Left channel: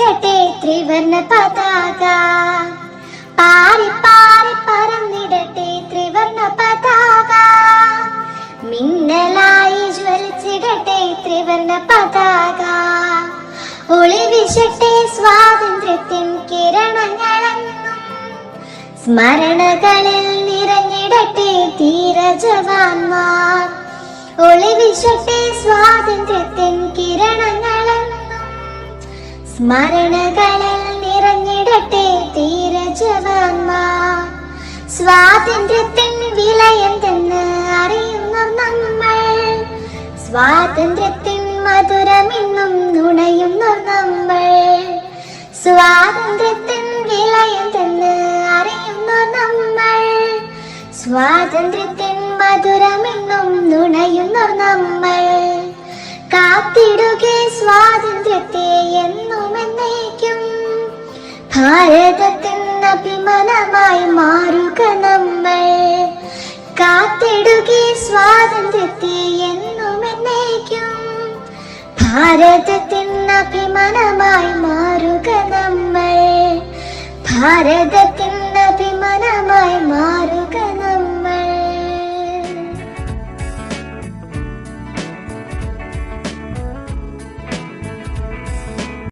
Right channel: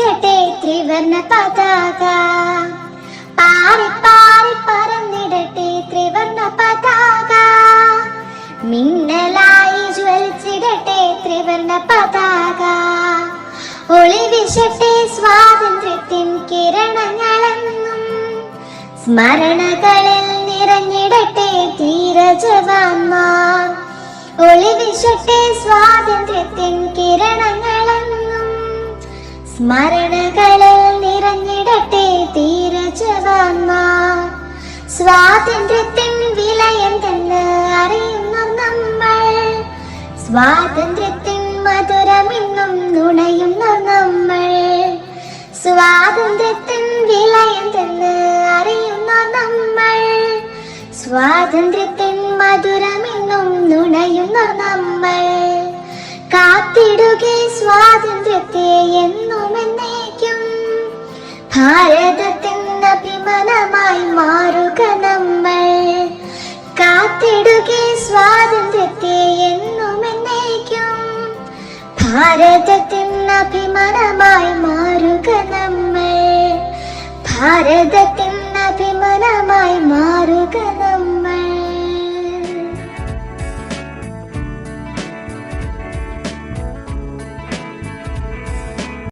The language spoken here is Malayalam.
വലിച്ചിടട്ടെ ത്രിവർണ പതാക. പാറി പാറി പറന്നിടട്ടെ ത്രിവർണ പതാക. മിന്നലായി ജ്വലിച്ചിടട്ടെ ത്രിവർണ പതാക. ഒളിവിശട്ടെ സ്വാതന്ത്ര്യത്തിൻ കിരണങ്ങളെന്നും. സ്മരണകളിൽ നിറഞ്ഞിടട്ടെ ധീരജവാന്മാർ. ഒളിവിശട്ടെ സ്വാതന്ത്ര്യത്തിൻ കിരണങ്ങളെന്നും സ്മരണകളിൽ നിറഞ്ഞിടട്ടെ ധീരജവാന്മാർ സ്വാതന്ത്ര്യത്തിൻ വിലയെന്തെന്ന് അറിയുന്ന നമ്മൾ. സ്വാതന്ത്ര്യത്തിൻ മധുരമെന്നും നുണയുന്ന നമ്മൾ. സ്വാതന്ത്ര്യത്തിൻ വിലയെന്തെന്ന് അറിയുന്ന നമ്മൾ. സ്വാതന്ത്ര്യത്തിൻ മധുരമെന്നും നുണയുന്ന നമ്മൾ. കാത്തിടുകെ ഭാരതത്തിൻ അഭിമാനമായി മാറുക നമ്മൾ കാത്തിടുകെ സ്വാതന്ത്ര്യത്തെ എന്നും എന്നേക്കും. ഭാരതത്തിൻ അഭിമാനമായി മാറുക നമ്മൾ ഭാരതത്തിൻ